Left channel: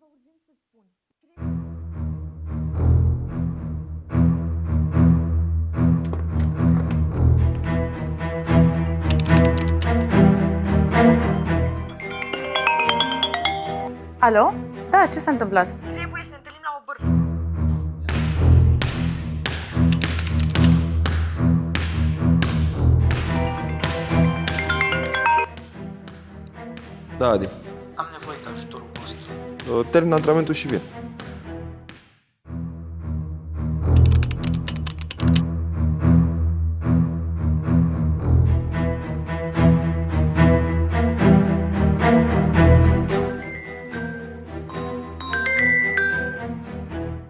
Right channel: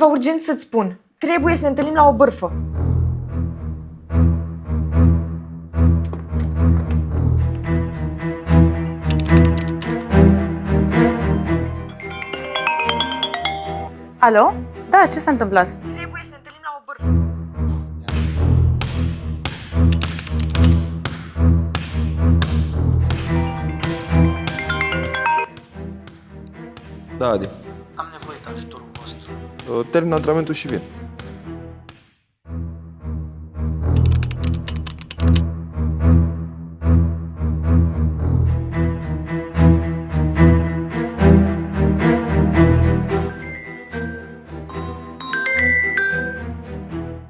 ceva urgent să-ți spun. Trebuie să ne întâlnim la o bârfă. Alo? Da, ce s-a întâmplat? Trebuie să ne întâlnim la o bârfă. Da, Adi. Termin antrenamentul și vin.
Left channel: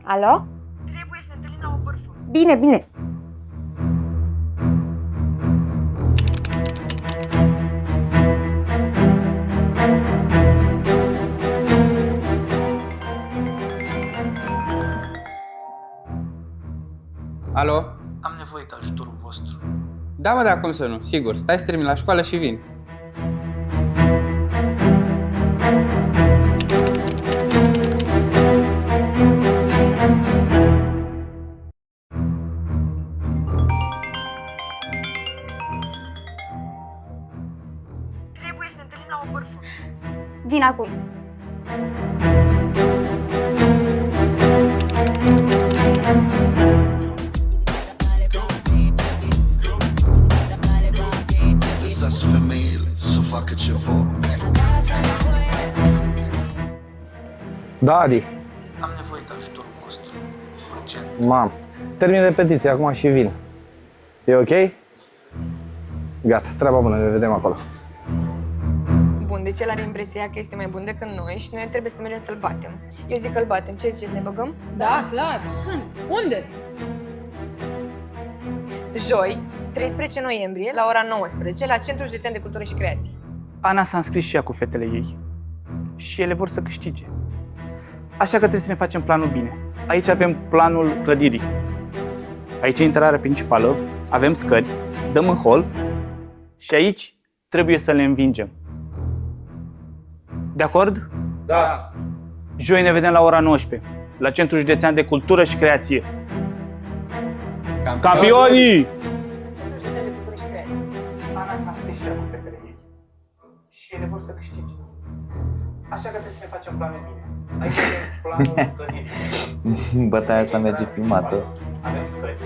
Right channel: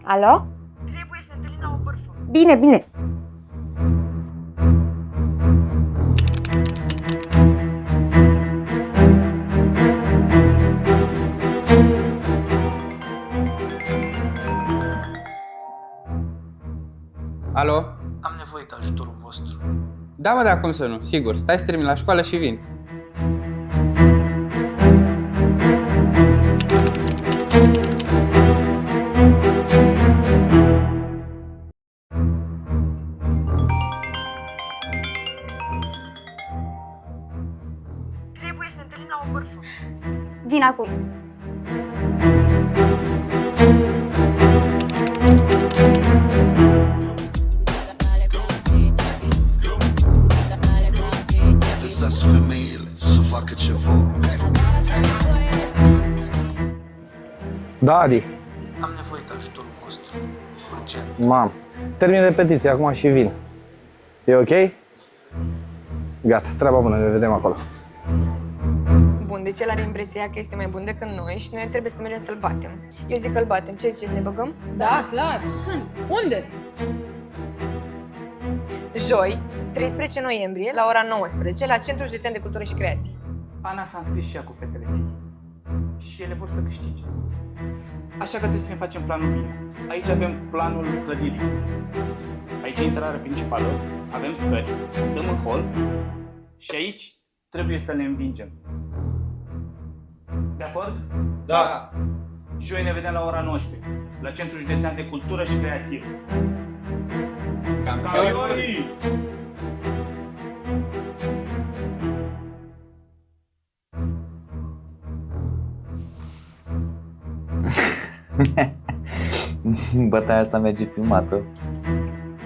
Alo? Trebuie să ne întâlnim la o bârfă. Bine, bine. Trebuie să ne întâlnim la o bârfă. Vin acum. Lăsați femeile să facă ce vor. Bun, deci el are impresia că este mai bun decât noi și noi trebuie să mergem să-l batem. Eu zic că îl batem. Ce ziceți, ne băgăm? Da, clar. Când? Unde? Joi, 13 noiembrie, la ora 19, la Centrul Județean de Cultură și Creație. Ana s-a înscris și ea cu fetele ei și ele vor să câștige. Așa că trebuie să ne facem planul bine. Aici avem planul clădirii. Aici e intrarea principală, avem scări, dăm în hol și aici trebuie să le învingem. De acord? Da. Joi ne vedem la ora 19, la Centrul Județean de Cultură și Creație. Campionii! Ana s-a înscris și ea cu fetele ei și ele vor să câștige. Așa că trebuie să ne facem planul bine. Aici avem planul clădirii. Bătaia asta merge filmată. Avem scări,